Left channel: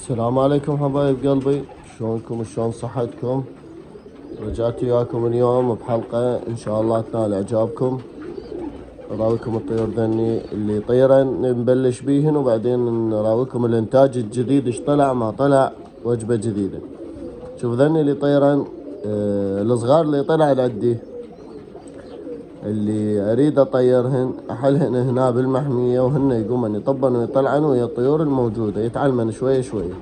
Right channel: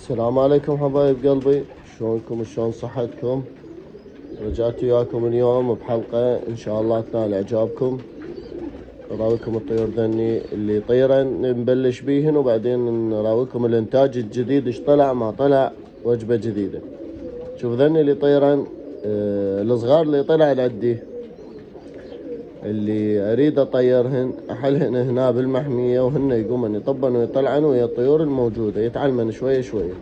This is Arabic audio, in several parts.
السلام عليكم حبايب قلبي، شلونكم وشلون صحتكم؟ رجعت وياكم اليوم بحلقة ان شاء الله تنال اعجابكم. نراويكم الطيور ذني اللي طيرن نبلش بيهن، وبعدين نراويكم الانتاج الجديد ايش طلع ما طلع، وجبة جديدة. شوف ذني اللي طيرن الصغار اللي طلع عندي، اللي اريد اطيرهن احلهن هنا بالمحمية، وهن يقومن يطبن ويطلعن ويا الطيور الموجودة، يتعلمن شوية شوية.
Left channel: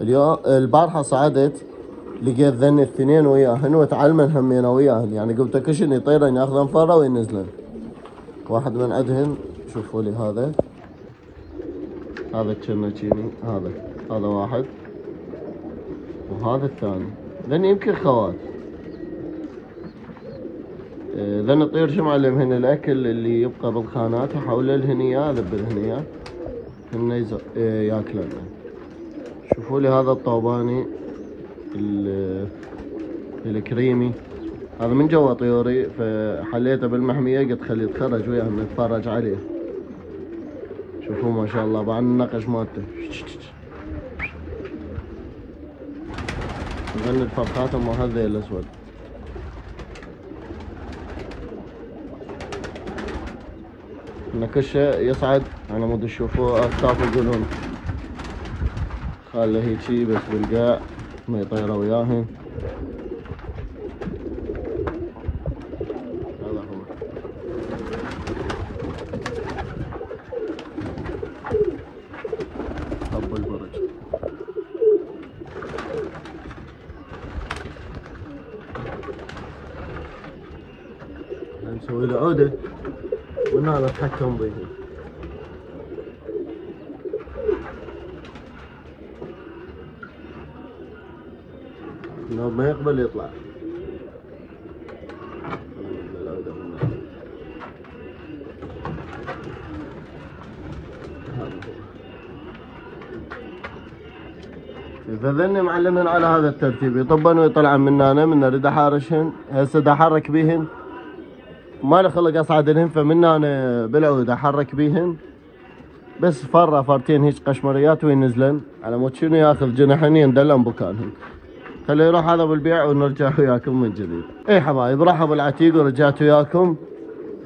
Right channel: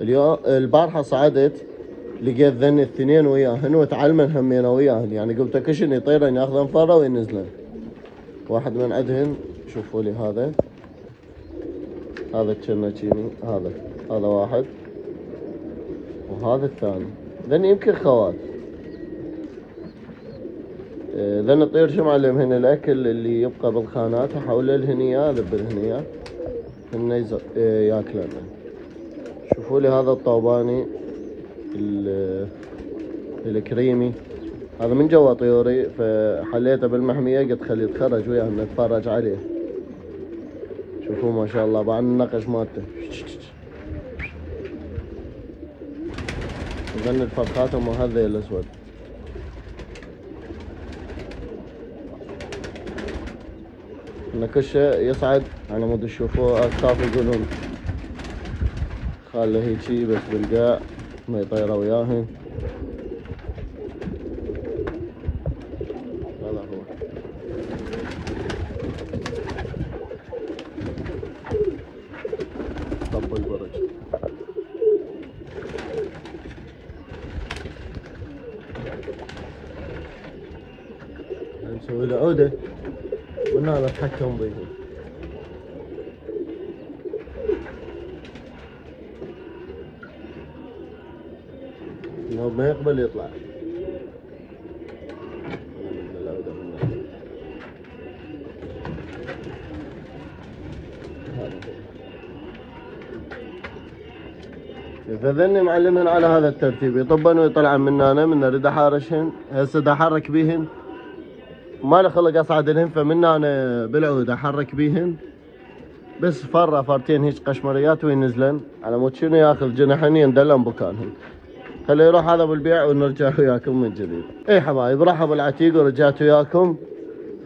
اليوم البارحة صعدت لقيت ذني الاثنين وياهن وتعلمن همين وياهن، يعني قمت كشن يطيرن ياخذن فرة وينزلن. واحد من عندهن شوفوا لي هذا التشنتشيني، هذا واحد، وهذا الثاني. ذني يمكن خوات. ذن الطير شو معلمهن الاكل اللي يبقى بالخانات احوله لهنيا، اذبلهنيا هن ياكلن. شوفوا لي هذا الطوباني الكريمي، هذا من جوا طيوري، فحليته بالمحمية قلت خليه يتخرج وياهم نتفرج عليه. شوفوا ما شاء الله بعد النقش مالته. يغني الفرخات وهذا الاسود. نكشه يصعد على مود تشوفوه اكتاف يقولون خاله هيجي بس بالقاع ما يطيره وياهن. نسوي له عودة من هنا نتحكم به، لو ما يقبل يطلع. فذني معلمهن على هذا الترتيب، يطبن ويطلعن من هنا، من اريد احارشهن هسه دا احرك بيهن، ما لي خلق اصعد لهن، فمن هنا بالعود احرك بيهن بس فرة فرتين هيك قشمريات وينزلن على مود شنو ياخذ جناحين يندلن بكانهن. خليه يروح هذا بالبيع ونرجع وياكم من جديد. اي حبايب رحبوا العتيق ورجعت وياكم.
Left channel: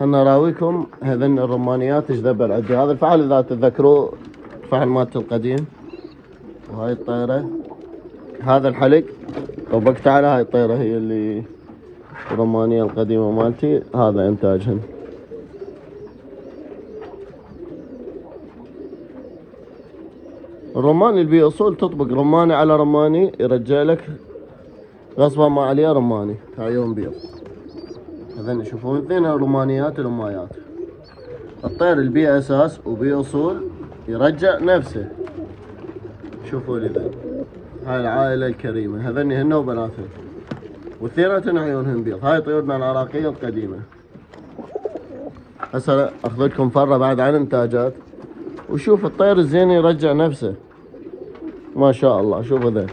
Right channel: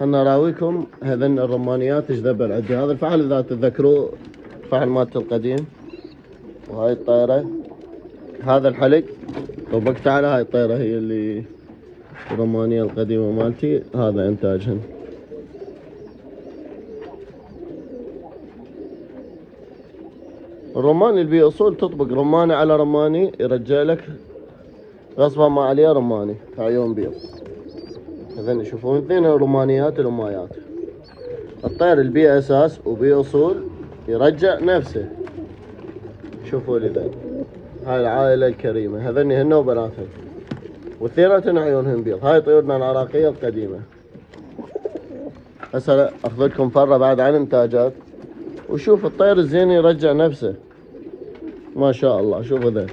خلنا نراويكم هذن الرمانيات ايش ذبل عندي. هذا الفحل اذا تتذكروا الفحل مالته القديم، وهاي الطيرة هذا الحلق طبقت على هاي الطيرة هي اللي الرمانية القديمة مالتي، هذا انتاجهن. الرماني اللي بيه اصول تطبق رماني على رماني يرجع لك غصبا ما عليه رماني عيون بيض. اذن يشوفون اثنين رمانيات الامايات. الطير اللي بيه اساس وبيه اصول يرجع نفسه. شوفوا لي ذن هاي العائلة الكريمة، هذني هن وبناتهن واثنيناتهن عيونهن بيض. هاي طيورنا العراقية القديمة. هسه اخذ لكم فرة بعد عن انتاجات، وشوف الطير الزين يرجع نفسه ما شاء الله. شوفوا ذا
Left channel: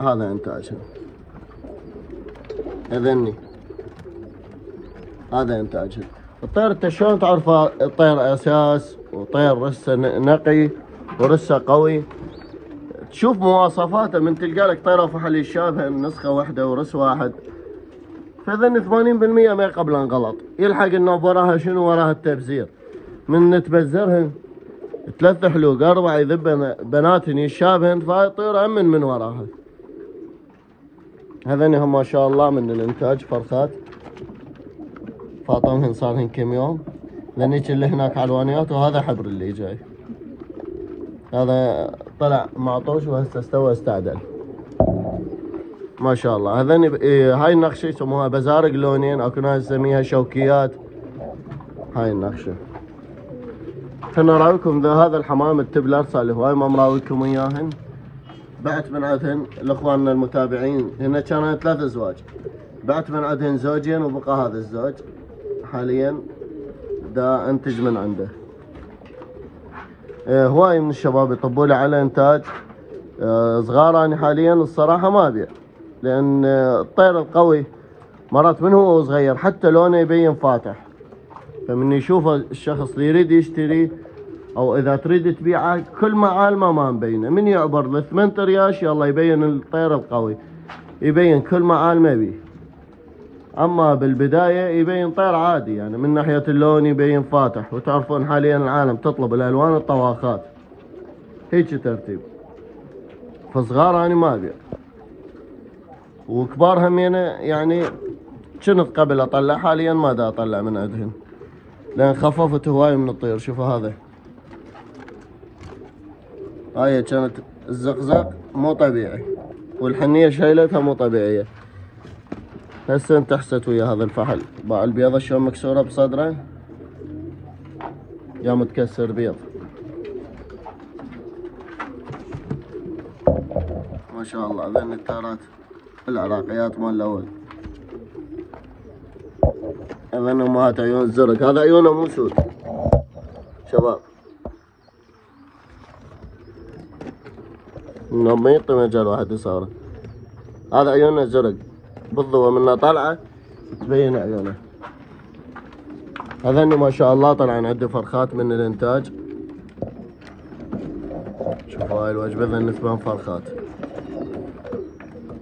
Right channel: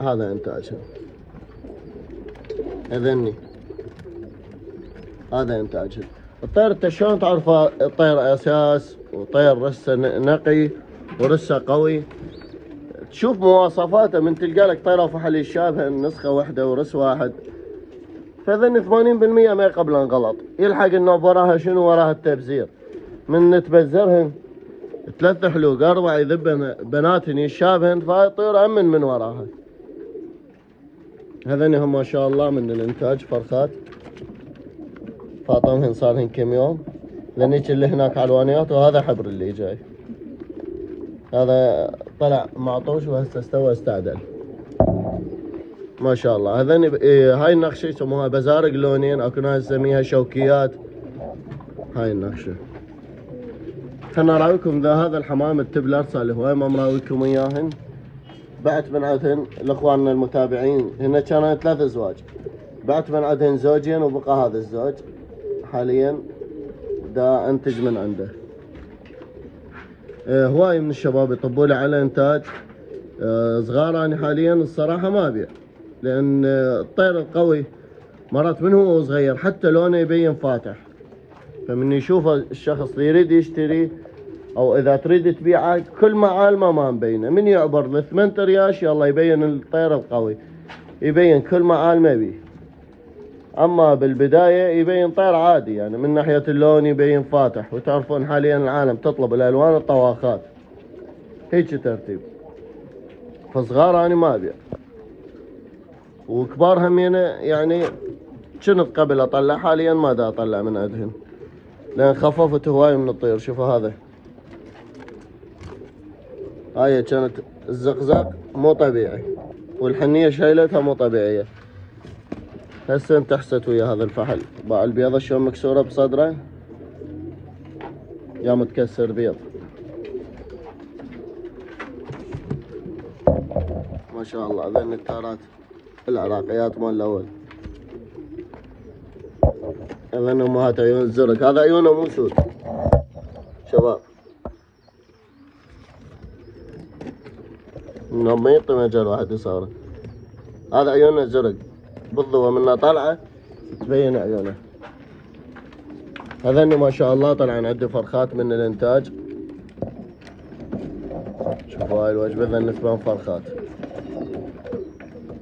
هذا انتاجه. اذني هذا انتاجه. الطير انت شلون تعرفه؟ الطير اساس وطير رسه نقي ورسه قوي. تشوف مواصفاته من تلقى لك طيره فحل يشابه نسخه واحده ورس واحد، فذن 80% ما يقبلن غلط. يلحق انه وراها شنو؟ وراها التبذير. من نتبذرهن 3 حلوق 4 يذبن بناتهن يشابهن، فهاي الطيور امن من وراها. هذني هم ما شاء الله من الانتاج فرخات فاطمهن صارهن كم يوم. ذنيك اللي هناك علوانيات، وهذا حبر اللي جاي. هذا طلع معطوش وهسه استوى استعدل ما شاء الله. هذني هاي النقشه يسموها بزارق لونين، اكو ناس يسميها شوكيات. هاي النقشه. كنا نراويكم هذا الحمام التبلرسا اللي هواي ما مراويكم اياهن. بعت من عندهن لاخواننا المتابعين، هنا كانت 3 ازواج، بعت من عندهن زوجين وبقى هذا الزوج حاليا دا انتج من عنده. هواي من الشباب يطبوا لي على انتاج صغار. انا حاليا الصراحه ما ابيع، لان الطير القوي مرات من هو صغير حتى لونه يبين فاتح، فمن يشوفه الشخص اللي يريد يشتري او اذا تريد تبيعه كل معالمه ما مبينه، من يعبر ل 8 رياش يلا يبين الطير القوي، يبين كل معالمه بيه. اما بالبدايه يبين طير عادي، يعني من ناحيه اللون يبين فاتح، وتعرفون حاليا العالم تطلب الالوان الطواخات، هيك ترتيب. فصغار انا ما ابيع، وكبار همينه يعني كنت قبل اطلع، حاليا ما دا اطلع من عندهن لان خففت هواي من الطير. شوفوا هذا، هاي كانت الزقزق مو طبيعي، والحنية شايلتها مو طبيعية. هسه انتحست ويا هذا الفحل. باع البيضة شلون مكسورة بصدره، يا متكسر بيض ما شاء الله. ذن التارات العراقيات مال الاول، ذن امهات عيون الزرق. هذا عيونه مو سود شباب، من ما يطي مجال واحد يصاره. هذا عيونه زرق بالضوء منه طالعه تبين عيونه. هذين ما شاء الله طلعن عنده فرخات من الانتاج. شوفوا هاي الوجبه ذن 8 فرخات.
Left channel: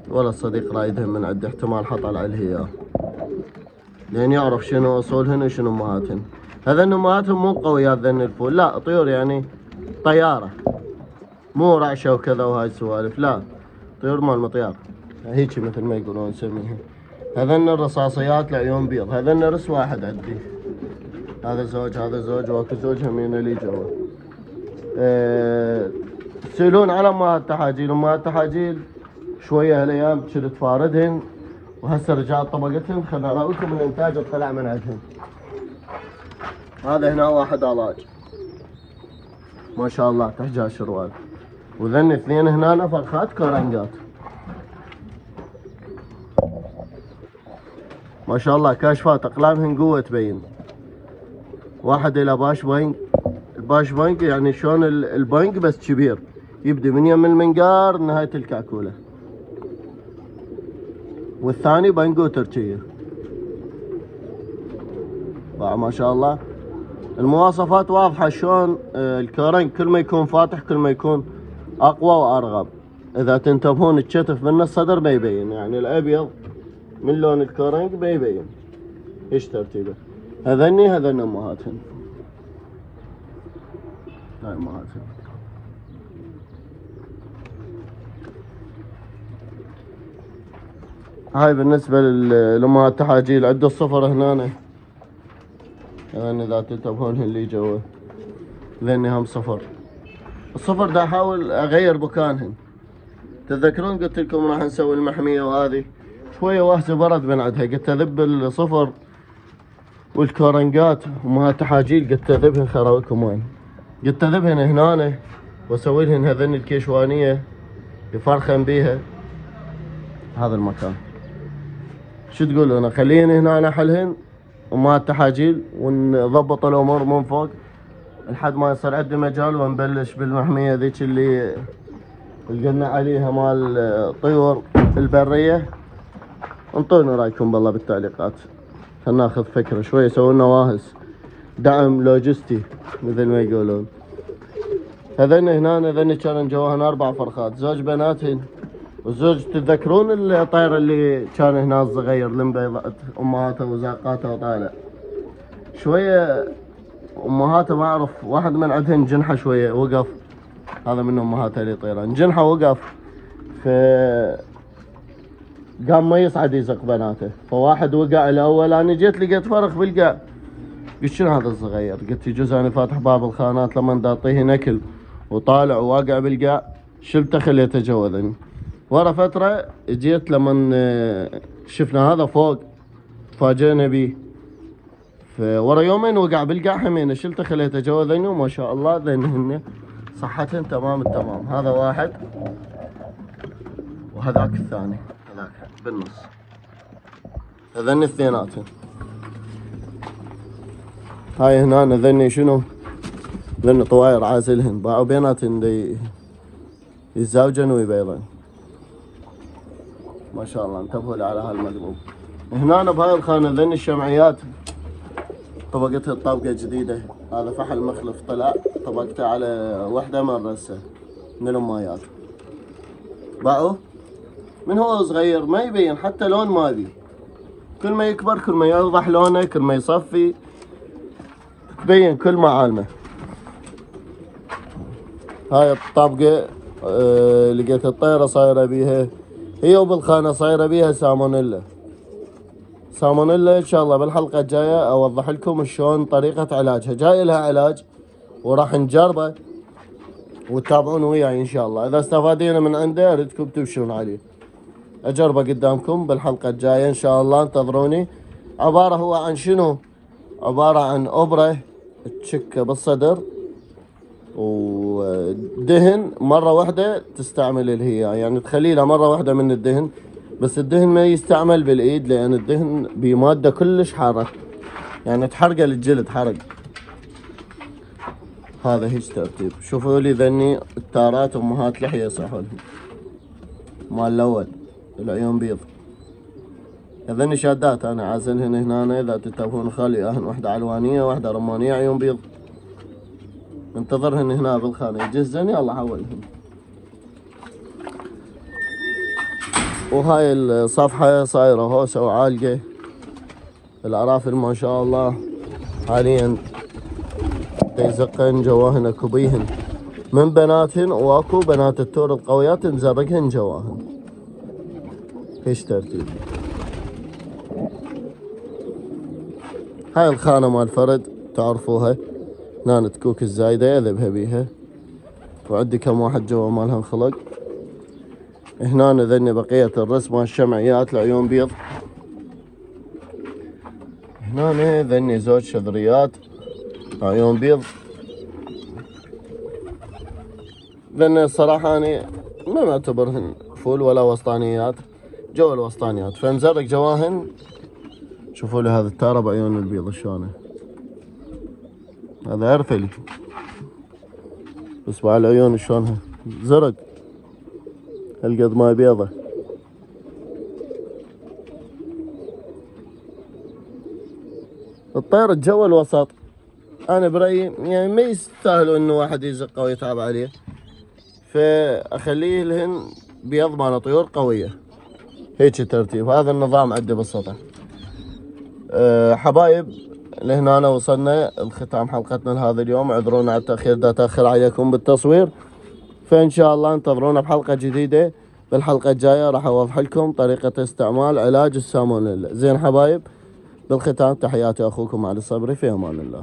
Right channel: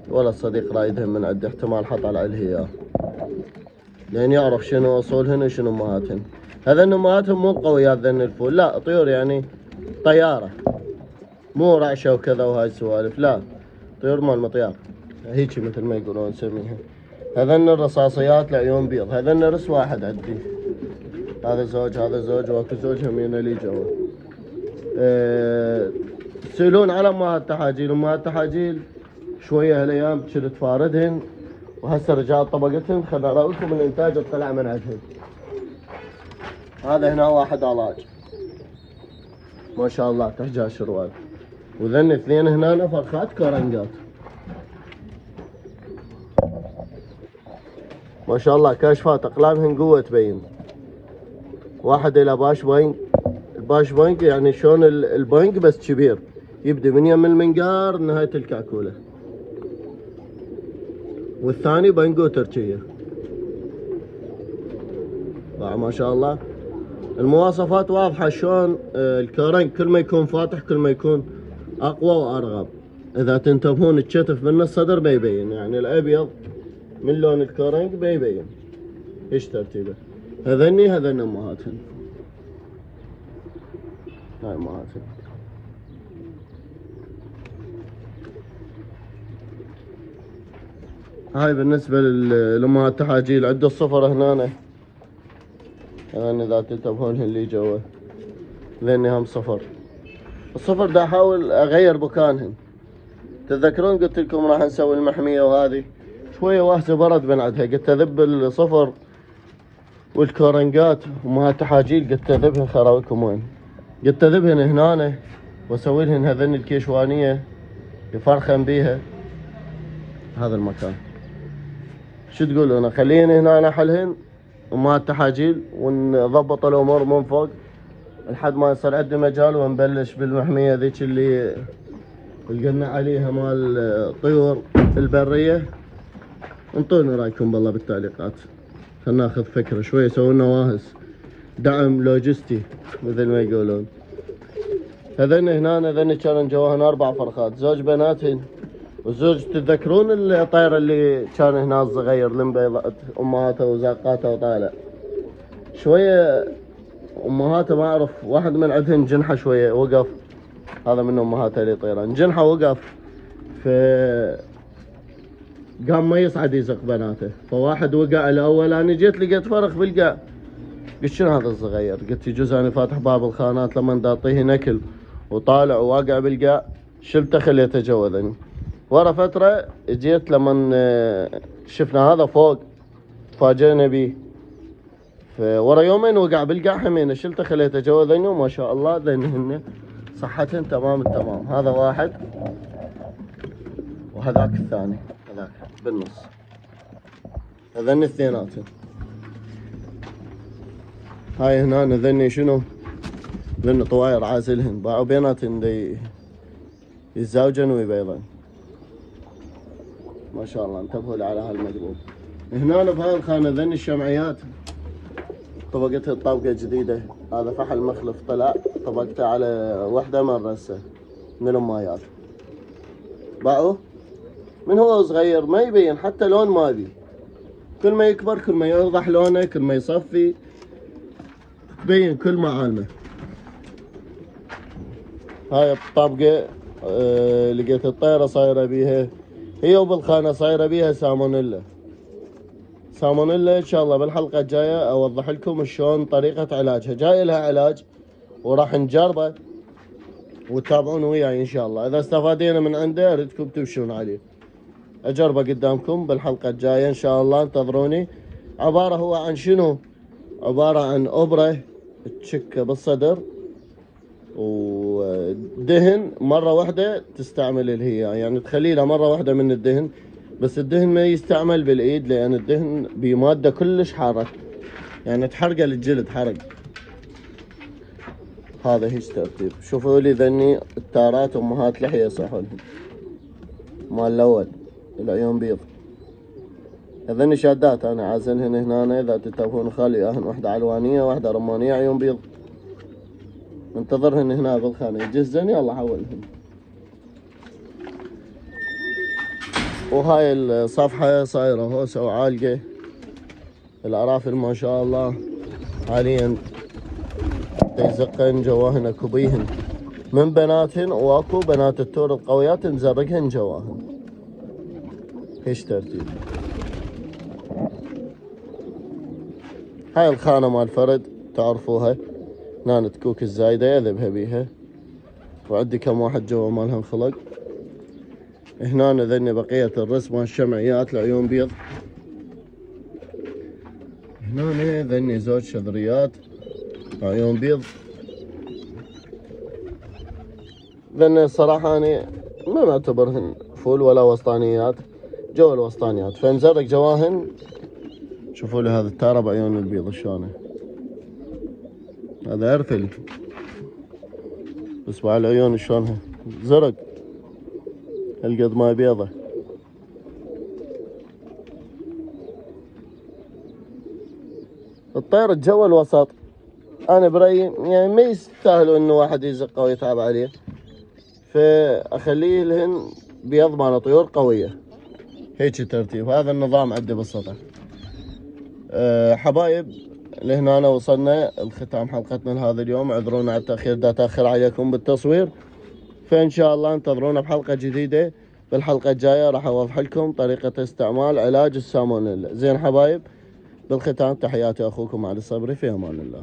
ولا الصديق رايدهم من عنده، احتمال حط على الهياه لين يعرف شنو اصولهن وشنو امهاتهن. هذين امهاتهم مو قويات ذن الفول، لا طيور يعني طياره، مو رعشه وكذا وهاي السوالف، لا طيور مال مطيار هيك مثل ما يقولون نسميها. هذن الرصاصيات لعيون بيض. هذن رس واحد عندي، هذا زوج هذا زوج، واكو زوج همين لي جوا. تسألون على امهات التحاجيل. امهات التحاجيل شويه هالايام كنت تفاردهن، وهسه رجعت طبقتهن، خلنا لكم الانتاج طلع من عندهن. هذا هنا واحد علاج ما شاء الله تحجا شروال، وذن اثنين هنا فرخات كورنجات ما شاء الله، كاشفات اقلامهن قوه تبين. واحد الى باش بانك، الباش بانك يعني شلون البانك بس كبير، يبدي من يم المنقار نهايه الكعكوله. والثاني بانجو تركيه. ما شاء الله المواصفات واضحه شلون. الكورنج كل ما يكون فاتح كل ما يكون اقوى وارغب. اذا تنتبهون الكتف من الصدر بيبين، يعني الابيض من لون الكورنج بيبين. ايش ترتيبه؟ هذني امهاتهن، هاي امهاتهن. هاي بالنسبة للامهات التحاجيل. عنده الصفر هنا، يعني اذا تنتبهون اللي جوا ذني هم صفر. الصفر دا احاول اغير بكانهن. تتذكرون قلت لكم راح نسوي المحمية، وهذه شوية وهسه برد من عندها، قلت اذب الصفر والكورنجات امهات التحاجيل، قلت اذبهن خراويكم وين، قلت اذبهن هنا واسوي لهن هذني الكيشوانية يفرخن بيها هذا المكان. شو تقولون اخليهن هنا احلهن امهات التحاجيل ونضبط الامور من فوق لحد ما يصير عندي مجال ونبلش بالمحمية ذيك اللي قلنا عليها مال الطيور البرية. انطونا رايكم بالله بالتعليقات، خلنا ناخذ فكرة شوية، سووا واهس دعم لوجستي مثل ما يقولون. هذين هذين كانوا جواهن 4 فرخات، زوج بناتهن وزوج. تتذكرون الطير اللي كان هنا الصغير لمبيضات امهاته وزاقاته وطالع شويه امهاته، ما اعرف واحد من عندهن جنحه شويه وقف، هذا من امهاته اللي طيران جنحه وقف، ف قام ما يصعد يزق بناته، فواحد وقع الاول. انا جيت لقيت فرخ بالقاع، قلت شنو هذا الصغير؟ قلت يجوز انا فاتح باب الخانات لما دا اعطيه نكل وطالع وواقع بالقاع، شلته خليته جوذني. ورا فترة جيت لما شفنا هذا فوق تفاجئنا بيه، ورا يومين وقع بالقاع همينه، شلته خليته جوا ذني، وما شاء الله ذنهن صحتهن تمام التمام. هذا واحد وهذاك الثاني، هذاك بالنص. هذني اثنيناتهم. هاي هنا ذني شنو؟ ذني طواير عازلهن، باعوا بيناتهن يتزاوجن ويبيضن. ما شاء الله انتبهوا لي على هالمقلوب. هنا بهاي الخانة ذني الشمعيات طبقتها الطابقة جديدة. هذا فحل مخلف طلع، طبقته على وحدة مرة هسه من المايات. باعوا من هو صغير ما يبين حتى لون ما يبي، كل ما يكبر كل ما يوضح لونه، كل ما يصفي تبين كل معالمه. هاي الطابقة لقيت الطيرة صايرة بيها، هي وبالخانة صايرة بيها سالمونيلا. سالمونيلا ان شاء الله بالحلقة الجاية اوضح لكم شلون طريقة علاجها، جاي لها علاج وراح نجربه وتتابعون وياي ان شاء الله. اذا استفادينا من عنده اردكم تمشون عليه، اجربه قدامكم بالحلقة الجاية ان شاء الله، انتظروني. عبارة هو عن شنو؟ عبارة عن ابرة تشكه بالصدر ودهن مرة واحدة تستعمل اللي هي يعني تخلي لها مرة واحدة من الدهن، بس الدهن ما يستعمل بالايد لان الدهن بمادة كلش حارة يعني تحرق الجلد حرق. هذا هيج ترتيب. شوفوا لي ذني التارات امهات لحية صحون مال الاول العيون بيض، هذني شادات انا عازلهن هنا. اذا تتابعون خالي اهن واحدة علوانية واحدة رمانية عيون بيض، انتظرهن هنا بالخانة يجهزن يلا حولهن. وهاي الصفحة صايرة هوسة وعالقة، العرافل ما شاء الله حاليا يزقن جواهن اكو بيهن من بناتهن، واكو بنات التور القويات مزرقهن جواهن. ايش ترتيب. هاي الخانة مال فرد تعرفوها، هنا تكوك الزايدة يذبها بيها، وعندي كم واحد جوا مالها خلق. هنا ذني بقية الرسم مال الشمعيات العيون بيض. هنا ذني زوج شذريات عيون بيض. ذني الصراحة أنا ما معتبرهن فول ولا وسطانيات، جو الوسطانيات فمزرق جواهن. شوفوا لي هذا التارة بعيون البيض شلونه، هذا عرفلي بس مع العيون شلونها زرق هالقد ما بيضة. الطير الجو الوسط انا برأيي يعني ما يستاهلوا انه واحد يزقه ويتعب عليه، فاخليه لهن بيض مال طيور قوية. هيك ترتيب. هذا النظام عندي بالسطح. حبايب لهنا وصلنا لختام حلقتنا لهذا اليوم، اعذرونا على التأخير، دا تأخر عليكم بالتصوير، فإن شاء الله انتظرونا بحلقة جديدة. بالحلقة الجاية راح أوضح لكم طريقة استعمال علاج السالمونيلا. زين حبايب، بالختام تحياتي أخوكم علي الصبري، في أمان الله.